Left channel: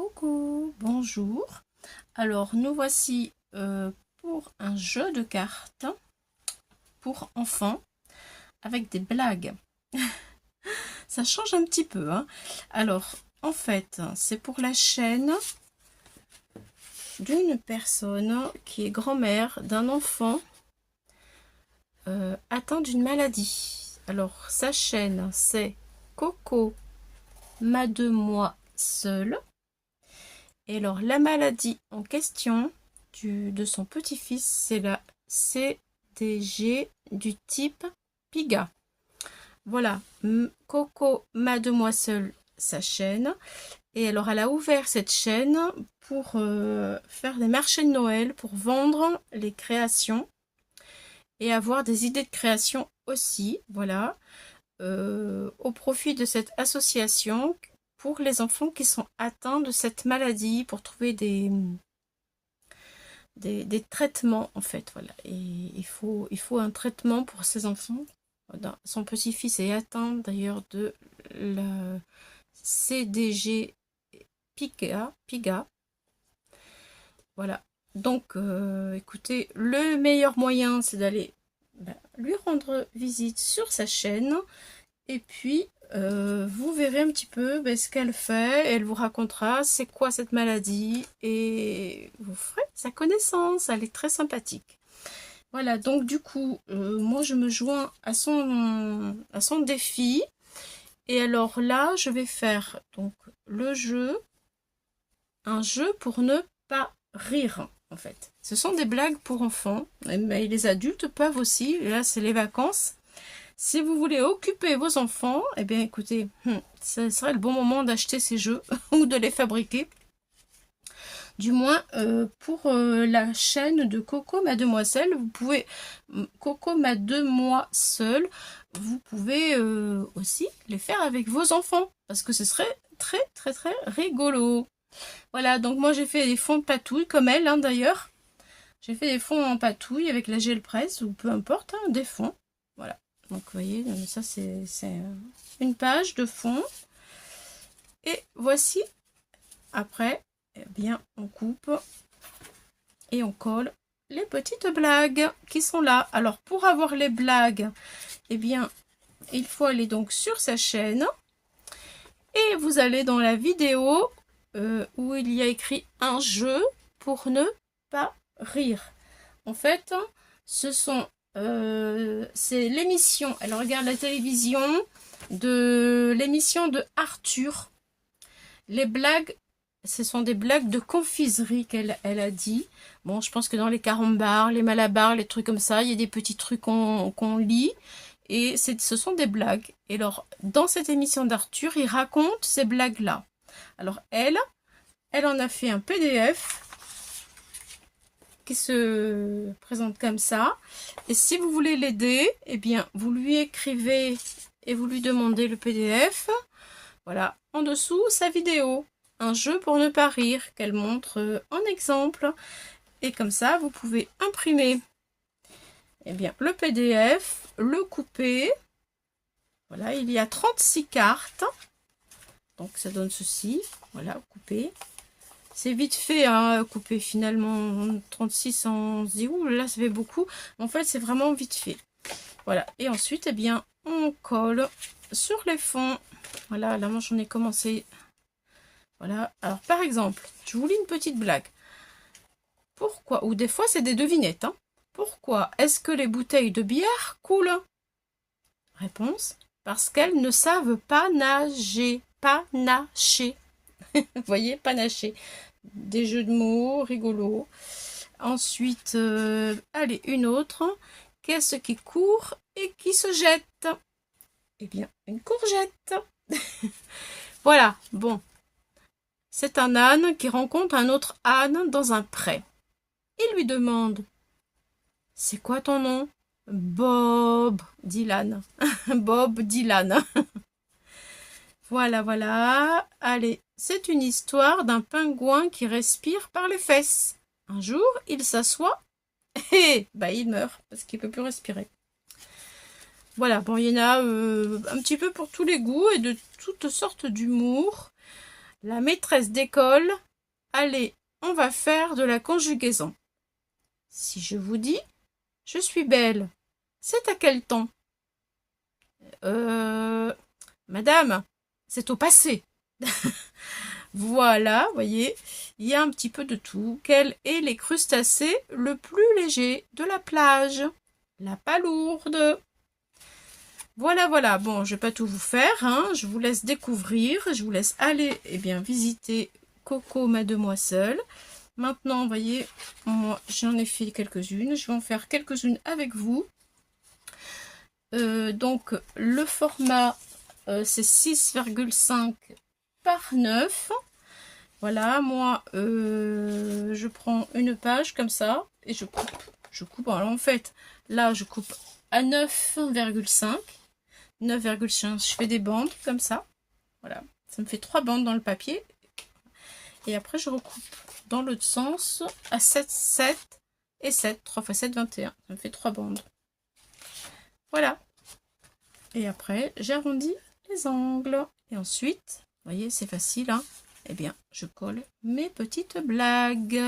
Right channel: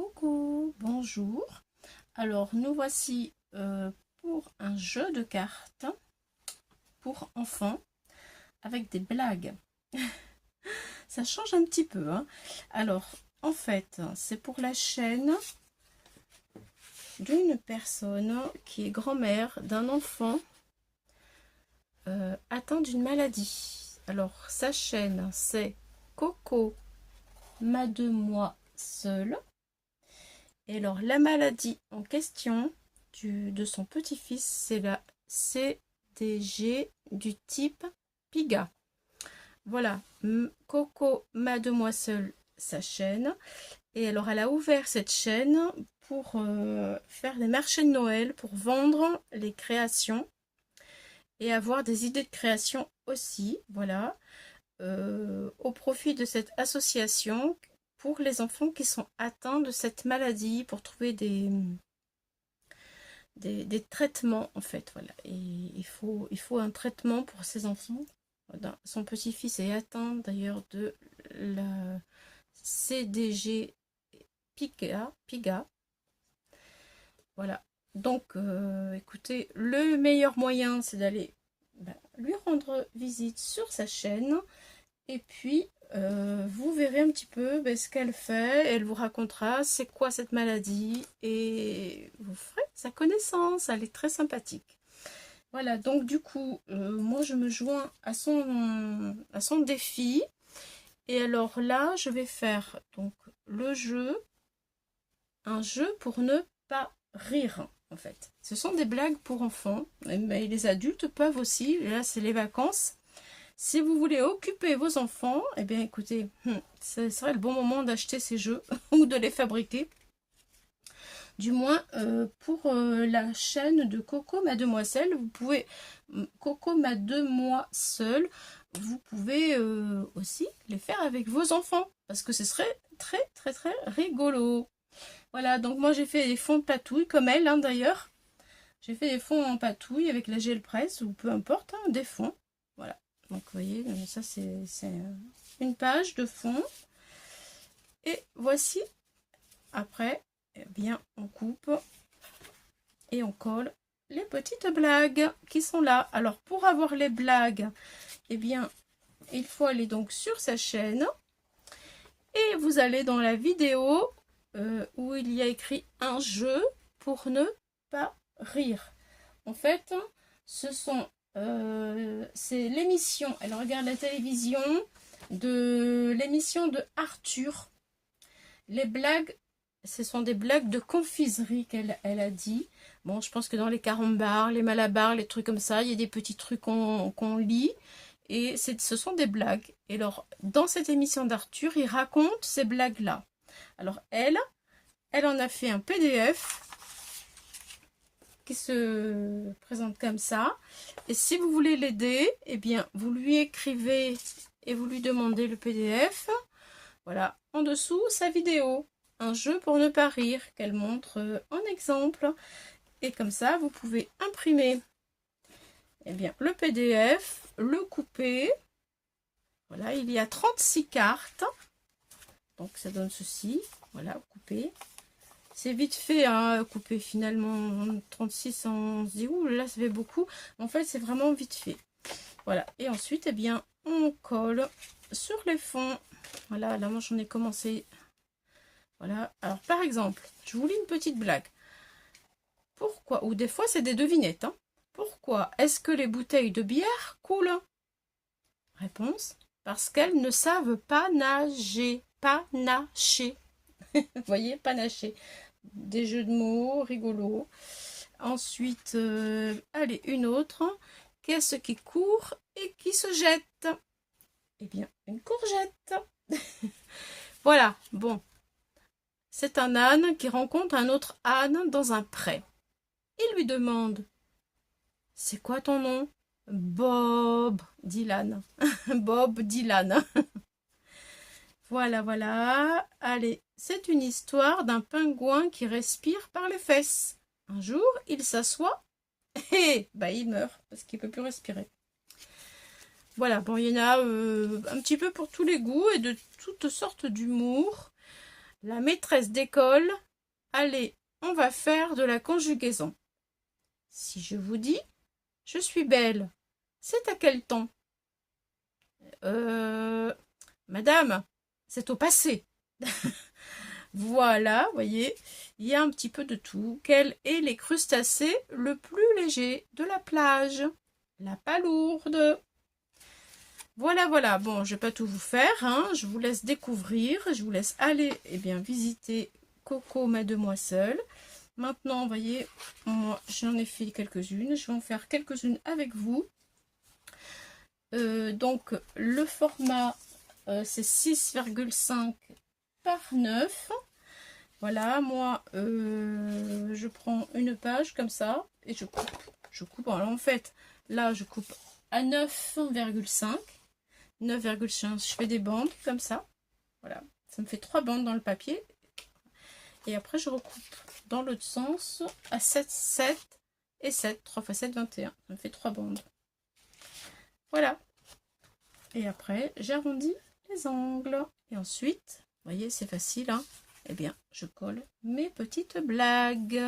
Coucou, bonjour. Alors nous voici pour un jeu de cartes pour enfants avec des blagues. Ça change un petit peu, hein. Alors en fait c'est pour la chaîne d'une personne qui est grand-mère d'un enfant atteint d'une maladie. Alors sa chaîne c'est Coco m'a de moi seule. Et alors, la maladie en question de son petit-fils, c'est la CDG du type Piga. Voilà, Coco Mademoiselle, sa chaîne. Et alors, elle a ouvert cette chaîne pour faire des marchés de Noël, pour vendre les créations et avoir des idées de création aussi. Voilà, au profit de cette association pour les enfants qui sont atteints de cette maladie, pour trouver des traitements en fait. Voilà. Et il faut un traitement pour ces enfants. Son petit-fils est atteint d'ailleurs de la CDG Piga. Voilà. Donc écoutez, le meilleur moyen c'est d'aller lui rendre visite sur sa chaîne. Et puis, vous verrez un petit peu ce qu'elle fait. Elle vous racontera c'est quoi cette maladie. Et vous ferez sa connaissance. Elle est très sympathique. Voilà, donc du coup, moi je me joins à son défi. Et alors là, je vais faire donc le jeu. Un jeu pour ne pas rire, en fait. Ce sont des blagues pour enfants. Mais les adultes peuvent aussi. Là, c'est les vacances. Si vous voulez occuper vos enfants, eh bien écoutez, ce serait le bon moment d'acheter ces jeux ou de les fabriquer. Du moins pour la chaîne de Coco Mademoiselle, vous pouvez, Coco Mademoiselle, vous pouvez aussi les faire avec vos enfants parce que ce serait très très très rigolo. Voilà, donc moi j'ai fait des fonds de patouille comme elle d'ailleurs. J'ai fait des fonds en patouille avec la gel presse ou peu importe, des fonds. Voilà. Donc vous voyez, ça c'est une page de fond. Et voici, après, eh bien, on coupe et on colle les petites blagues qui sont là. Alors pour avoir les blagues, eh bien, il faut aller donc sur sa chaîne. Et vous allez dans la vidéo où il y a écrit un jeu pour ne pas rire. En fait, ce sont c'est l'émission, elle regarde la télévision de l'émission de Arthur. Les blagues, ce sont des blagues de confiserie qu'elle a dit. Bon, je pense que dans les carambars, les malabars, les trucs comme ça, il y a des petits trucs qu'on lit. Et ce sont des blagues. Et alors, dans cette émission d'Arthur, il raconte ces blagues-là. Alors, elle en a fait un PDF qui se présente comme ça. Et si vous voulez l'aider, eh bien, vous lui écrivez et vous lui demandez le PDF. Voilà, en dessous, sa vidéo. Un jeu pour ne pas rire, qu'elle montre en exemple. Et comme ça, vous pouvez imprimer eh bien, le PDF, le couper. Voilà, il y a 36 cartes. Donc, ça donne ceci. Voilà, couper. C'est vite fait à couper finalement. 36, on se dit, ouh là, ça fait beaucoup. En fait, c'est vraiment vite fait. Voilà, et ensuite, eh bien, on colle sur les fonds. Voilà, là, moi, j'en ai commencé. Voilà, alors par exemple, je vous lis une petite blague. Pourquoi, ou des fois, c'est des devinettes, Pourquoi est-ce que les bouteilles de bière coulent? Réponse, parce qu'elles ne savent pas nager. Panacher. Vous voyez, panacher. Des jeux de mots rigolos. Ensuite, allez, une autre. Qu'est-ce qui court et qui se jette? Eh bien, une courgette. Voilà, bon. C'est un âne qui rencontre un autre âne dans un pré. Il lui demande « C'est quoi ton nom ?»« Bob, dit l'âne. » Bob, dit l'âne. Voilà, voilà. Allez, c'est une histoire d'un pingouin qui respire par les fesses. Un jour, il s'assoit et il meurt parce qu'il ne peut plus respirer. Voilà, bon, il y en a un petit peu pour tous les goûts et de toutes sortes d'humour. la maîtresse d'école. Allez, on va faire de la conjugaison. Si je vous dis « Je suis belle », c'est à quel temps? Madame, c'est au passé. Voilà, vous voyez, il y a un petit peu de tout. Quel est les crustacés le plus léger de la plage? La palourde. Voilà, voilà. Bon, je ne vais pas tout vous faire, hein. Je vous laisse découvrir. Je vous laisse aller visiter Coco, ma demoiselle. Maintenant, vous voyez, moi, j'en ai fait quelques-unes. Je vais en faire quelques-unes avec vous. Donc, le format, c'est 6,5 par 9. Voilà, moi, je prends une page comme ça et je coupe. Je coupe, alors en fait, là, je coupe à 9,5. 9,5, je fais des bandes comme ça. Voilà, ça me fait 3 bandes dans le papier. Et après, je recoupe dans l'autre sens à 7, 7 et 7. 3 x 7, 21. Ça me fait 3 bandes. Voilà. Et après, j'arrondis les angles. Et ensuite, vous voyez, c'est facile, hein. Eh bien, je colle mes petites blagues.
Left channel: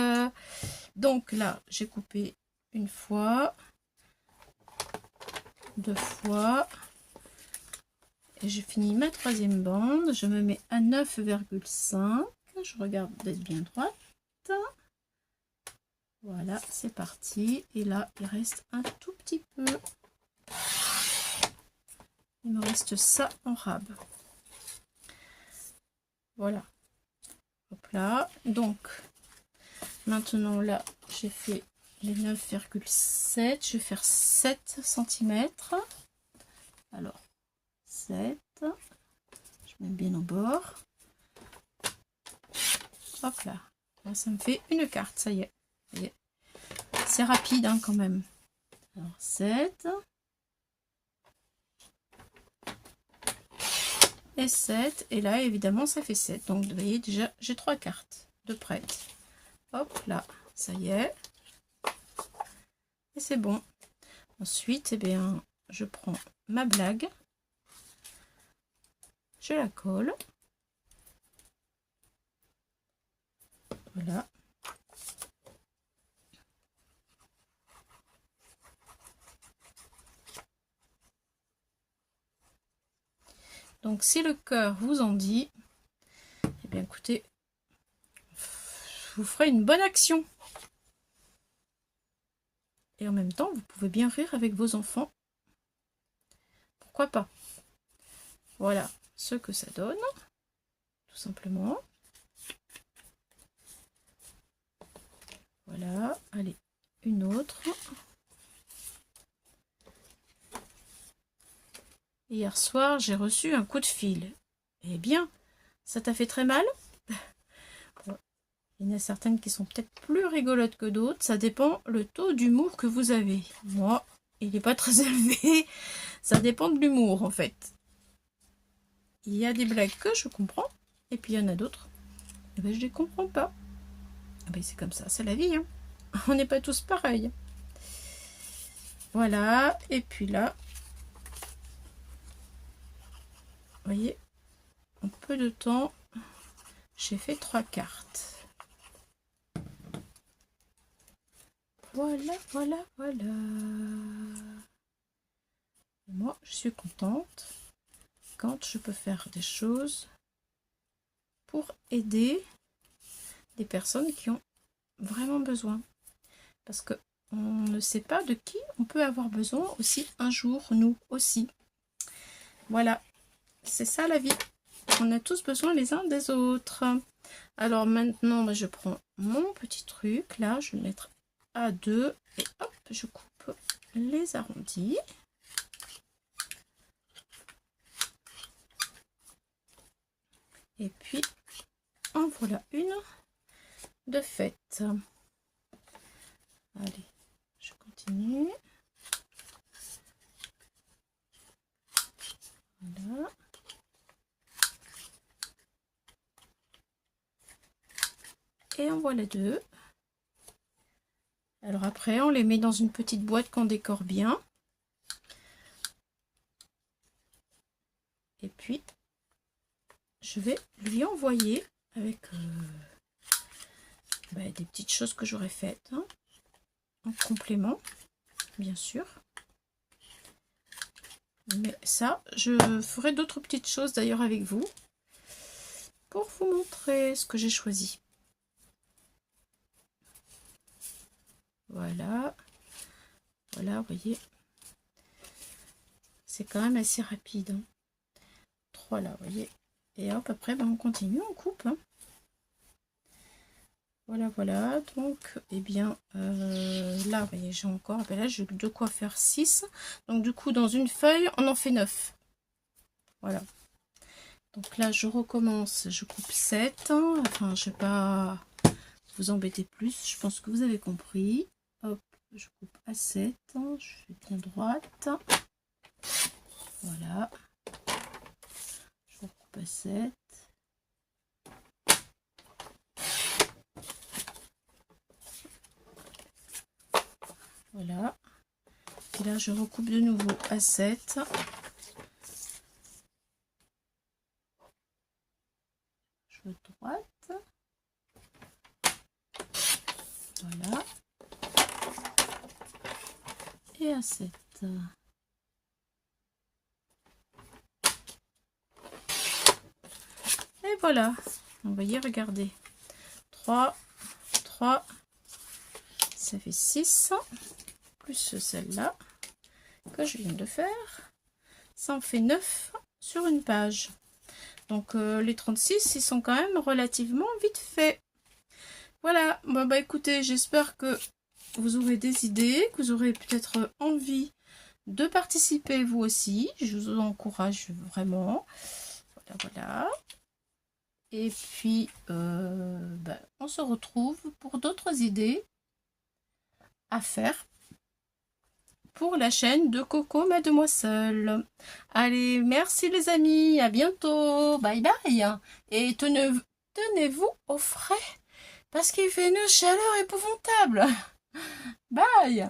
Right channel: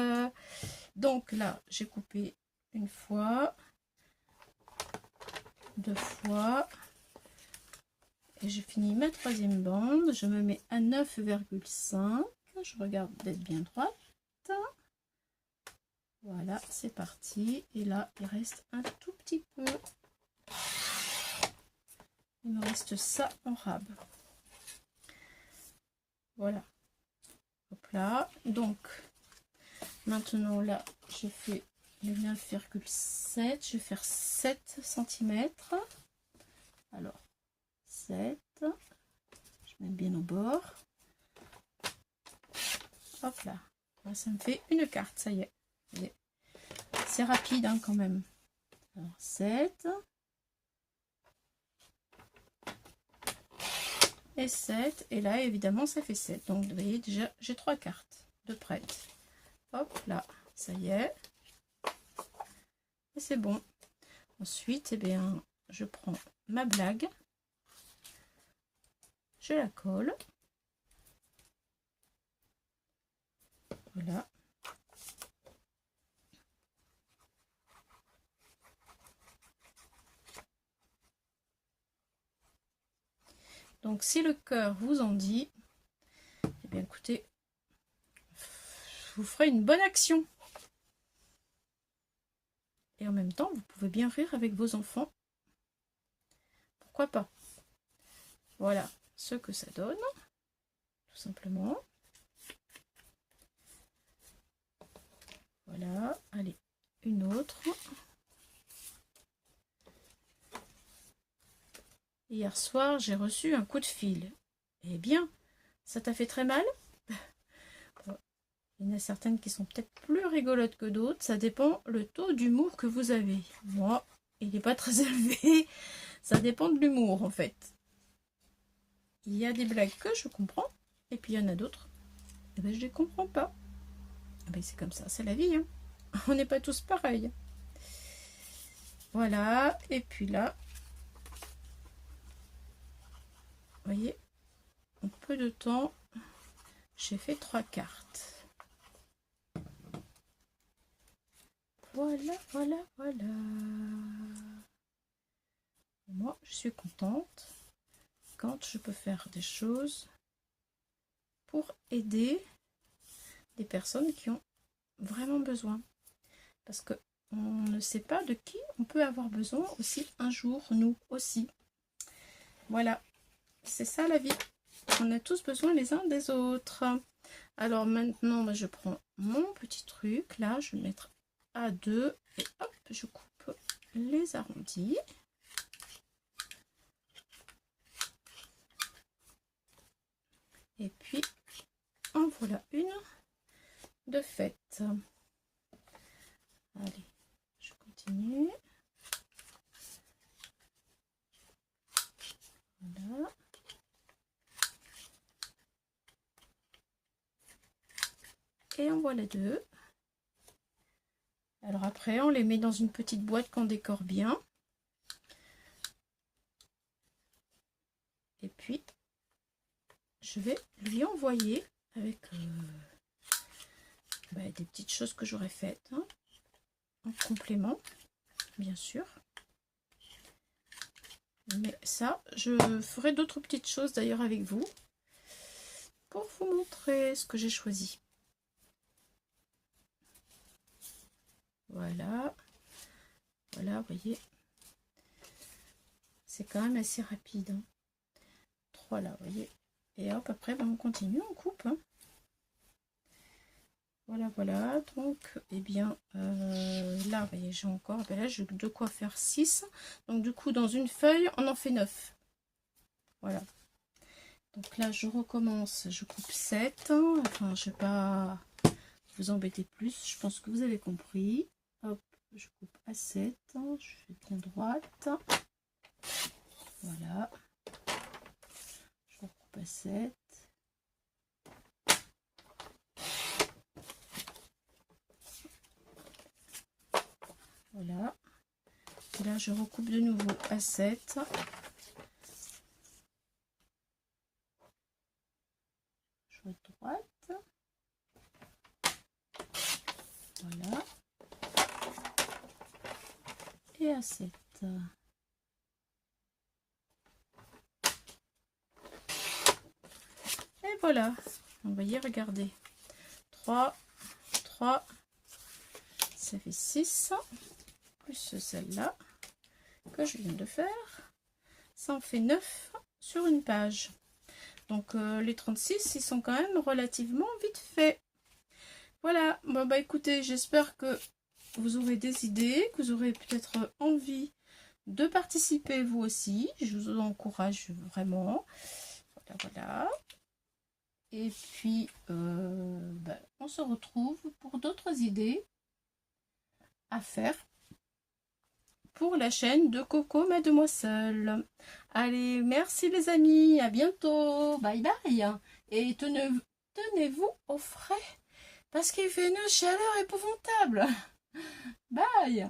Donc là, j'ai coupé une fois, 2 fois. Et j'ai fini ma 3e bande. Je me mets à 9,5. Je regarde d'être bien droite. Voilà, c'est parti. Et là, il reste un tout petit peu. Il me reste ça en rab. Voilà. Hop là. Donc, maintenant là, j'ai fait les 9,7. Je vais faire 7 cm. Alors, 7. Je mets bien au bord. Hop là. Là, ça me fait une carte, ça y est. C'est rapide, hein, quand même. Alors, 7. Et 7. Et là, évidemment, ça fait 7. Donc, vous voyez, déjà, j'ai 3 cartes de prête. Hop là, ça y est. Et c'est bon. Ensuite, eh bien, je prends ma blague. Je la colle. Voilà. Donc, si le cœur vous en dit, eh bien, écoutez, vous ferez une bonne action. Et en même temps, vous pouvez bien rire avec vos enfants. Pourquoi pas? Voilà ce que ça donne, tout simplement. Voilà, allez, une autre. Hier soir, j'ai reçu un coup de fil. Eh bien, ça t'a fait très mal? Il y en a certaines qui sont peut-être plus rigolotes que d'autres. Ça dépend le taux d'humour que vous avez. Moi, il n'est pas très élevé. Ça dépend de l'humour, en fait. Il y a des blagues que je comprends. Et puis, il y en a d'autres. Eh ben, je ne les comprends pas. Eh ben, c'est comme ça, c'est la vie, hein. On n'est pas tous pareils. Voilà. Et puis là, vous voyez, en peu de temps, j'ai fait 3 cartes. Voilà, voilà, voilà. Moi, je suis contente quand je peux faire des choses pour aider des personnes qui ont vraiment besoin. Parce que on ne sait pas de qui on peut avoir besoin aussi un jour, nous aussi. Voilà, c'est ça la vie. On a tous besoin les uns des autres. Alors maintenant, je prends mon petit truc. Là, je vais le mettre à 2. Et hop, je coupe les arrondis. Et puis, en voilà une de faite. Allez, je continue. Voilà. Et en voilà 2. Alors après, on les met dans une petite boîte qu'on décore bien. Et puis, je vais lui envoyer avec des petites choses que j'aurais faites, hein, en complément, bien sûr. Mais ça, je ferai d'autres petites choses d'ailleurs avec vous pour vous montrer ce que j'ai choisi. Voilà. Voilà, vous voyez. C'est quand même assez rapide. Hein. 3 là, vous voyez. Et hop, après, on continue, on coupe. Hein. Voilà, voilà. Donc, eh bien, là, vous voyez, j'ai encore, là, j'ai de quoi faire 6. Donc, du coup, dans une feuille, on en fait 9. Voilà. Donc là, je recommence, je coupe 7. Hein. Enfin, je ne vais pas vous embêter plus. Je pense que vous avez compris. Hop, je coupe à 7. Je fais bien droite. Voilà. Je coupe à 7. Voilà. Et là, je recoupe de nouveau à 7. Je droite. Voilà. Et à 7. Et voilà. Vous voyez, regardez. 3, 3, ça fait 6. Plus celle-là que je viens de faire. Ça en fait 9 sur une page. Donc les 36, ils sont quand même relativement vite faits. Voilà, bon, bah écoutez, j'espère que vous aurez des idées, que vous aurez peut-être envie de participer vous aussi. Je vous encourage vraiment. Voilà, voilà. Et puis, on se retrouve pour d'autres idées à faire pour la chaîne de Coco Mademoiselle. Allez, merci les amis, à bientôt, bye bye. Et tenez-vous au frais, parce qu'il fait une chaleur épouvantable. Bye.